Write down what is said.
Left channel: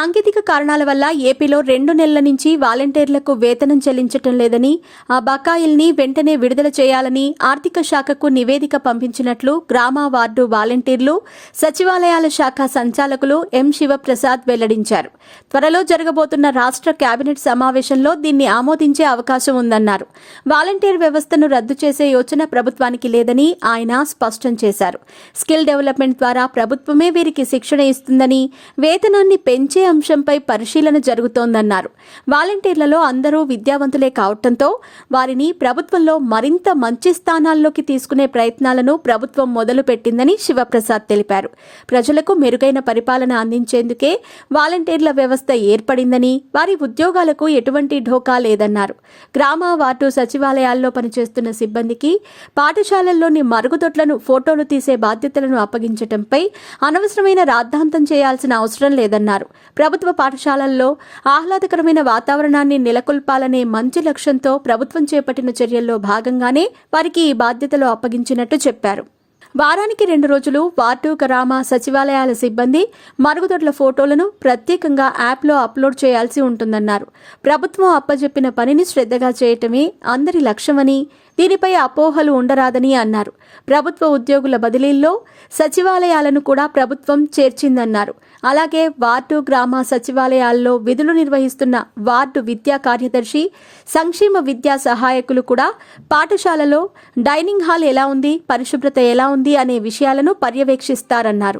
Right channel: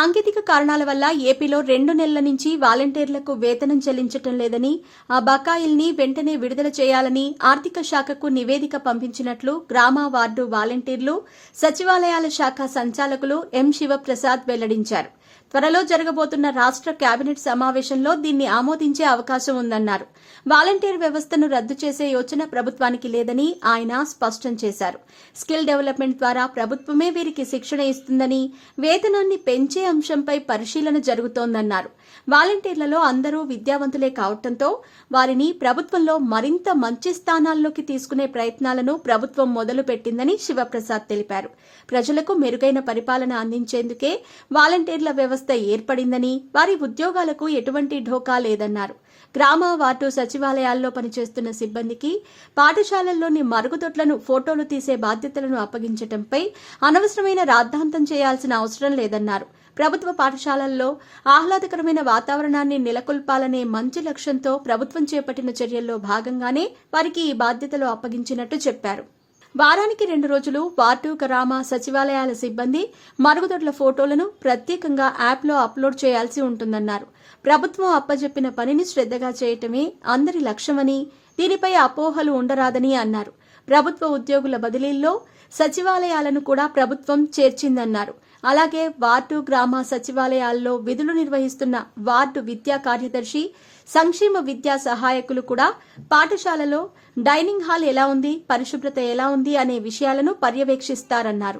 సాంకేతిక కారణాల వల్ల ఏపీలో 2 నెలల నుంచి వాలంటీర్లకు వేతనం చెల్లించటం లేదని, ఆ బకాయిల్ని వెంటనే విడుదల చేయాలని ఆర్థిక శాఖకు నివేదిక పంపించినట్లు గ్రామ వార్డు వాలంటీర్లు, సచివాలయాల శాఖ సంచాలకులు ఎం శివప్రసాద్ వెల్లడించారు. త్వరలో జరగబోతున్న రాష్ట్ర కేబినెట్ సమావేశంలో దీన్ని ఆమోదించే అవకాశం ఉందన్నారు. వాలంటీర్ వ్యవస్థను రద్దు చేసే యోచన ప్రభుత్వానికి లేదని ఆయన స్పష్టం చేశారు. స్కిల్ డెవలప్మెంట్ ద్వారా ప్రభుత్వమే వీరికి శిక్షణ ఇస్తుందని, వేతనాన్ని పెంచే అంశంపై పరిశీలన జరుగుతోందన్నారు. వాలంటీర్లలో అందరూ విద్యావంతులే కావడంతో వారిని ప్రభుత్వంలో మరింత మంచి స్థానాల్లోకి తీసుకునే ప్రయత్నాలను ప్రభుత్వం మొదలుపెట్టిందని శివప్రసాద్ తెలిపారు. ప్రజలకు మెరుగైన పరిపాలన అందించేందుకే వాలంటీర్ల వ్యవస్థ ఏర్పడిందని, వారి ఉద్యోగాలకు ఎటువంటి ఢోకా లేదన్నారు. గ్రామ వార్డు సచివాలయాల్లో పనిచేస్తున్న సిబ్బందికి పాఠశాలల్లోని మరుగుదొడ్లను ఫోటోలు తీసే బాధ్యతలను అప్పగించడంపై అనవసరమైన రాద్ధాంతం చేయాల్సిన అవసరం లేదన్నారు. ప్రభుత్వ పాఠశాలల్లో ఆహ్లాదకరమైన వాతావరణాన్ని నెలకొల్పాలనే మంచి లక్ష్యంతో ప్రభుత్వం చేపట్టిన చర్యల్లో భాగంగానే వారికి ఈ బాధ్యతలు అప్పగించినట్టు చెప్పారు. వారానికి 2 రోజులు వార్డు గ్రామ సచివాలయాల సిబ్బంది మరుగుదొడ్ల ఫోటోలను ప్రత్యేకంగా యాప్లో అప్లోడ్ చేయాల్సి ఉంటుందన్నారు. ప్రభుత్వం అప్పజెప్పిన పనిని శ్రద్ధగా చేయటమే అందరి లక్ష్యమని, దీనిపై అపోహలు ఉండరాదని అన్నారు. ప్రభుత్వ ఉద్యోగుల బదిలీల్లో సచివాలయాలను కూడా ప్రభుత్వం చేర్చిందన్నారు. అలాగే వార్డు గ్రామ సచివాలయాల్లో విధులు నిర్వహిస్తున్న వార్డు విద్యా కార్యదర్శి, సంక్షేమ విద్యా సహాయకులు కూడా పాఠశాలలో డైనింగ్ హాల్ ఎలా ఉంది, పరిశుభ్రత ఎలా ఉంది అనే విషయాలను పర్యవేక్షిస్తారన్నారు.